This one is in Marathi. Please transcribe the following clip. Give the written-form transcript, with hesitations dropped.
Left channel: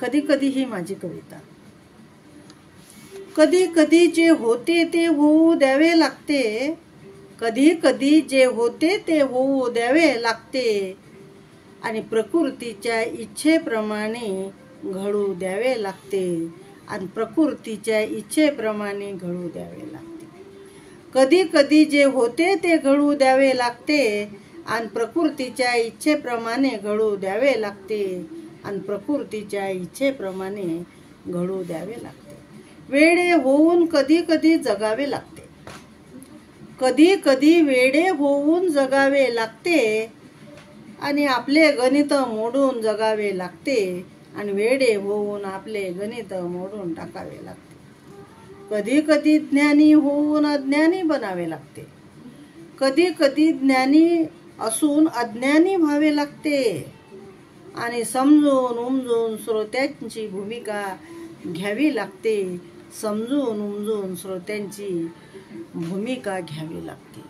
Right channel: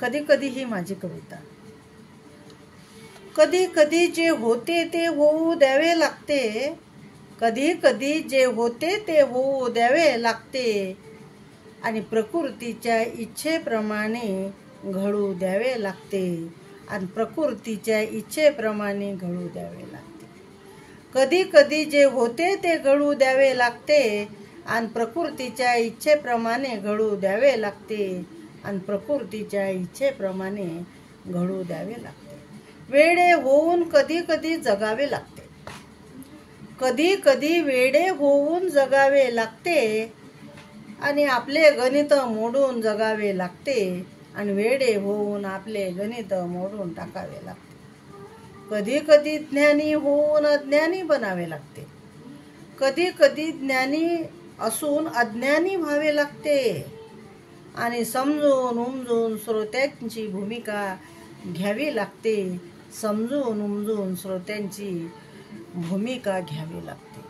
कधी कधी ही माझी कविता. कधी कधी जे होते ते होऊ द्यावे लागते, कधी कधी जे होते ते होऊ द्यावे लागते, आणि प्रकृतीच्या इच्छेप्रमाणे घडू द्यावे लागते, आणि प्रकृतीच्या इच्छेप्रमाणे घडू द्यावे लागते. कधी कधी जे होते ते घडू द्यावे लागते, आणि प्रकृतीच्या इच्छेप्रमाणे घडू द्यावे लागते, आणि प्रकृतीच्या इच्छेप्रमाणे घडू द्यावे लागते. वेडे होऊन कधी कधी जगावे लागते, कधी कधी वेडे होऊन जगावे लागते, आणि आपले गणित मोडून जगावे लागते, आणि वेडे होऊन आपले गणित मोडून टाकावे लागते. कधी कधी ज्ञानी होऊन अज्ञानी बनावे लागते, कधी कधी ज्ञानी असून अज्ञानी व्हावे लागते, आणि समजून उमजून श्रोत्यांची भूमिका घ्यावी लागते, समजून उमजून श्रोत्यांची भूमिका घ्यावी लागते.